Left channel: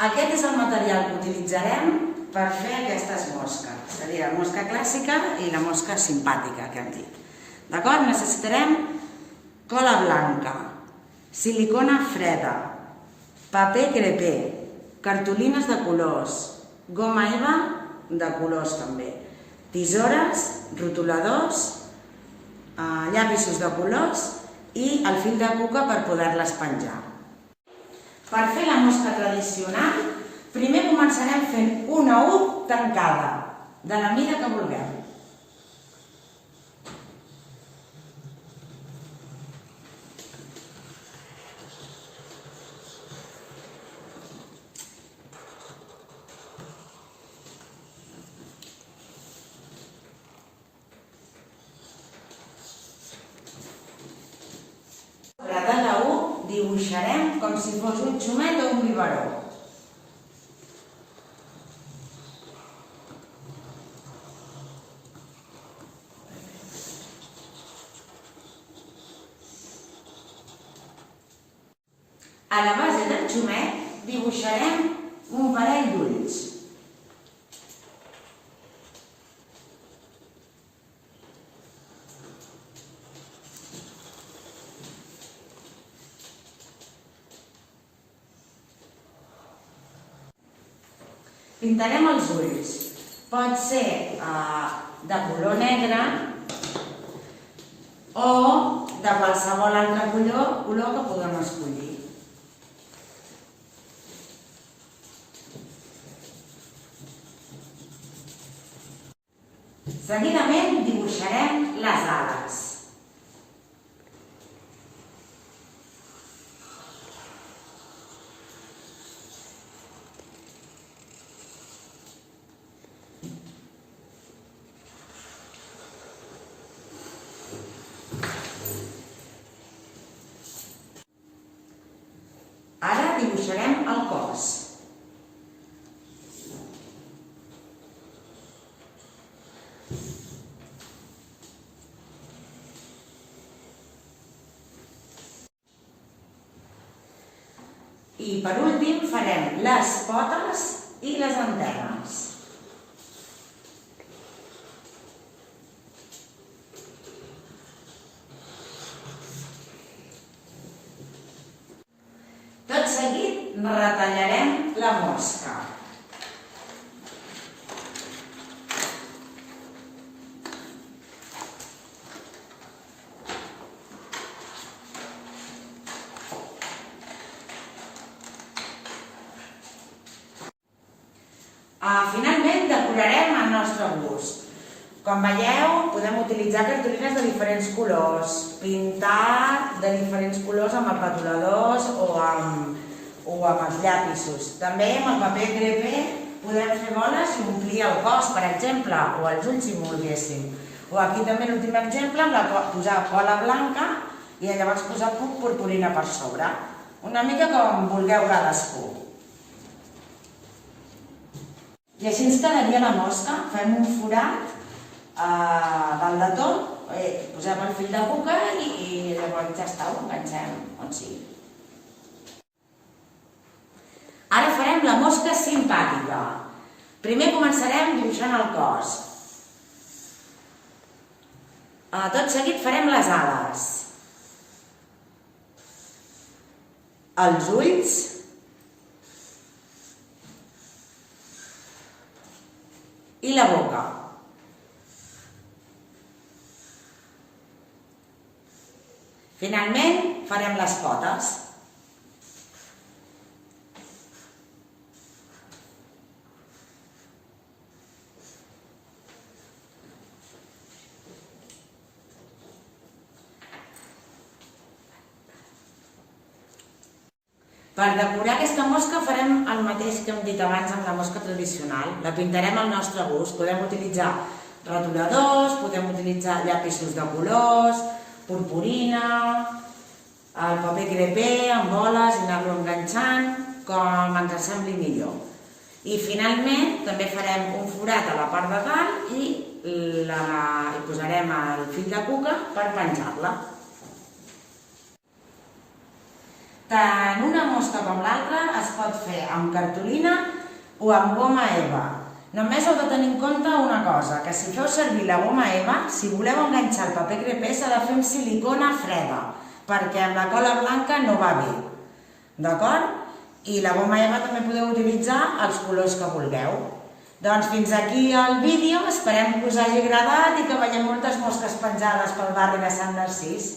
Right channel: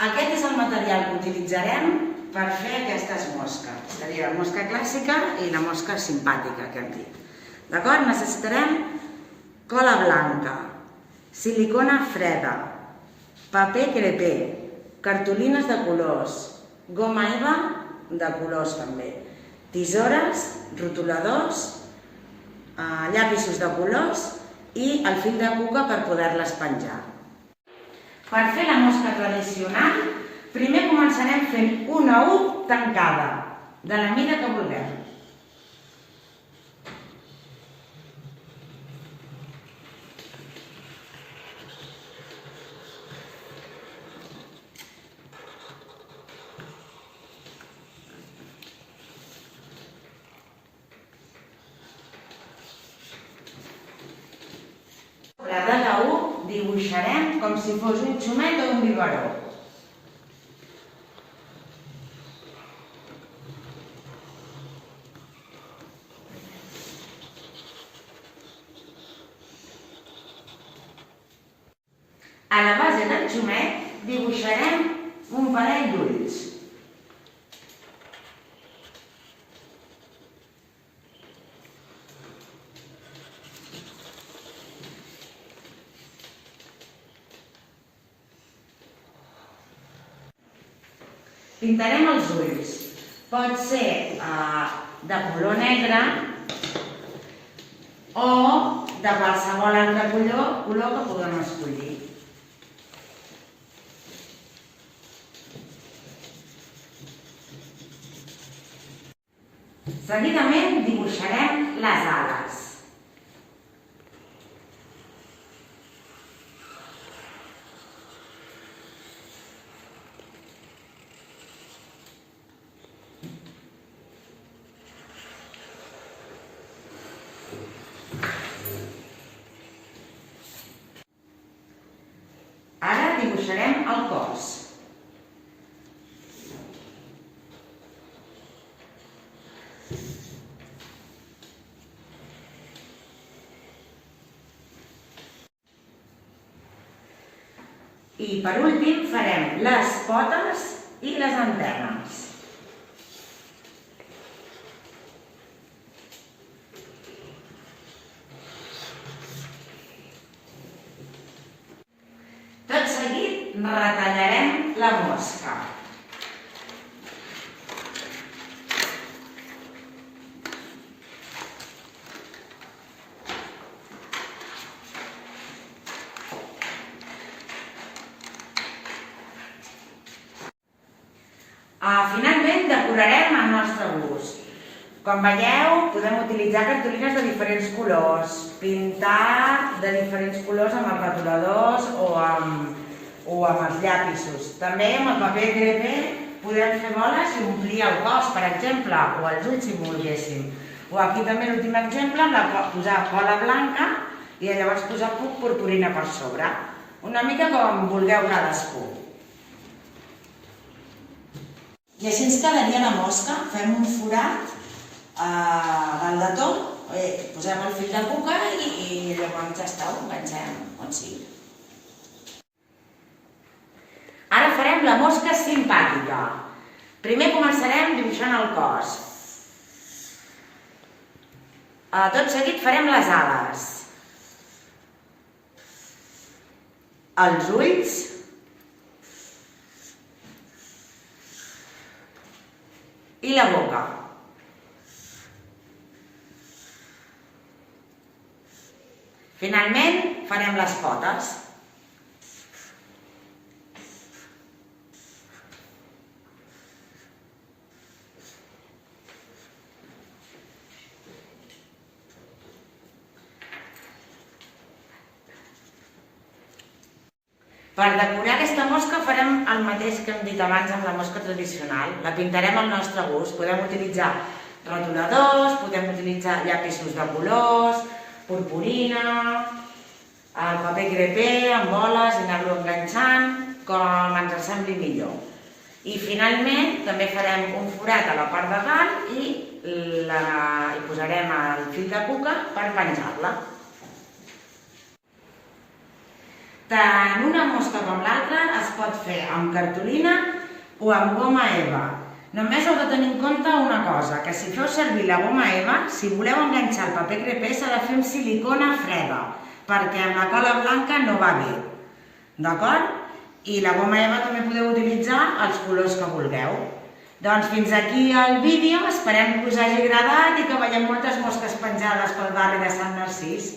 Aquest és el material que utilitzarem per fer aquestes mosques. Seria la mosca clàssica i la mosca simpàtica que hem dit. D'acord? Necessitarem cola blanca, silicona freda, paper crepé, cartolines de colors, goma eva de colors també, tisores, rotuladors, llapisos de colors i el fil de cuca per poder-les penjar. Per fer la mosca tradicional, primer començarem fent una U tancada, de la mida que vulguem. Sobre de la U dibuixarem com si fos un xumet o un biberó. A la base del xumet dibuixarem un parell d'ulls. Pintarem els ulls. Pot ser de color negre o de qualsevol altre color que puguem escollir. Seguidament dibuixarem les ales. Ara dibuixarem el cos. I per últim farem les potes i les antenes. Tot seguit retallarem la mosca. Finalment decorarem al nostre gust. Com veieu, podem utilitzar cartolines de diferents colors, pintar de diferents colors amb els rotuladors o amb els llapisos. També amb el paper crepé podem fer boles i omplir el cos, per exemple, o els ulls si volguéssim. O aquí també l'últim exemple, posar cola blanca i llavors posar purpurina per sobre. Una mica com vulgueu cadascú. I així ens quedaria la mosca. Fem un forat dalt de tot, posem el fil de cuca i llavors ja està, ho enganxem on sigui. Ara farem la mosca simpàtica. Primer començarem dibuixant el cos. Tot seguit farem les ales, els ulls i la boca. Finalment farem les potes. Per decorar aquesta mosca farem el mateix que hem dit abans amb la mosca tradicional. La pintarem al nostre gust. Podem utilitzar rotuladors, podem utilitzar llapisos de colors, purpurina, el paper crepé amb boles i anar-lo enganxant com ens sembli millor. I finalment també farem un forat a la part de dalt i posarem el fil de cuca per penjar-la. tant una mosca com l'altra es pot fer amb cartolina o amb goma eva. Només heu de tenir en compte una cosa, que si feu servir la goma eva, si voleu enganxar el paper crepé s'ha de fer amb silicona freda, perquè amb la cola blanca no va bé. D'acord? I la goma eva també podeu utilitzar els colors que vulgueu. Doncs fins aquí el vídeo, esperem que us hagi agradat i que veiem moltes mosques penjades pel barri de Sant Narcís.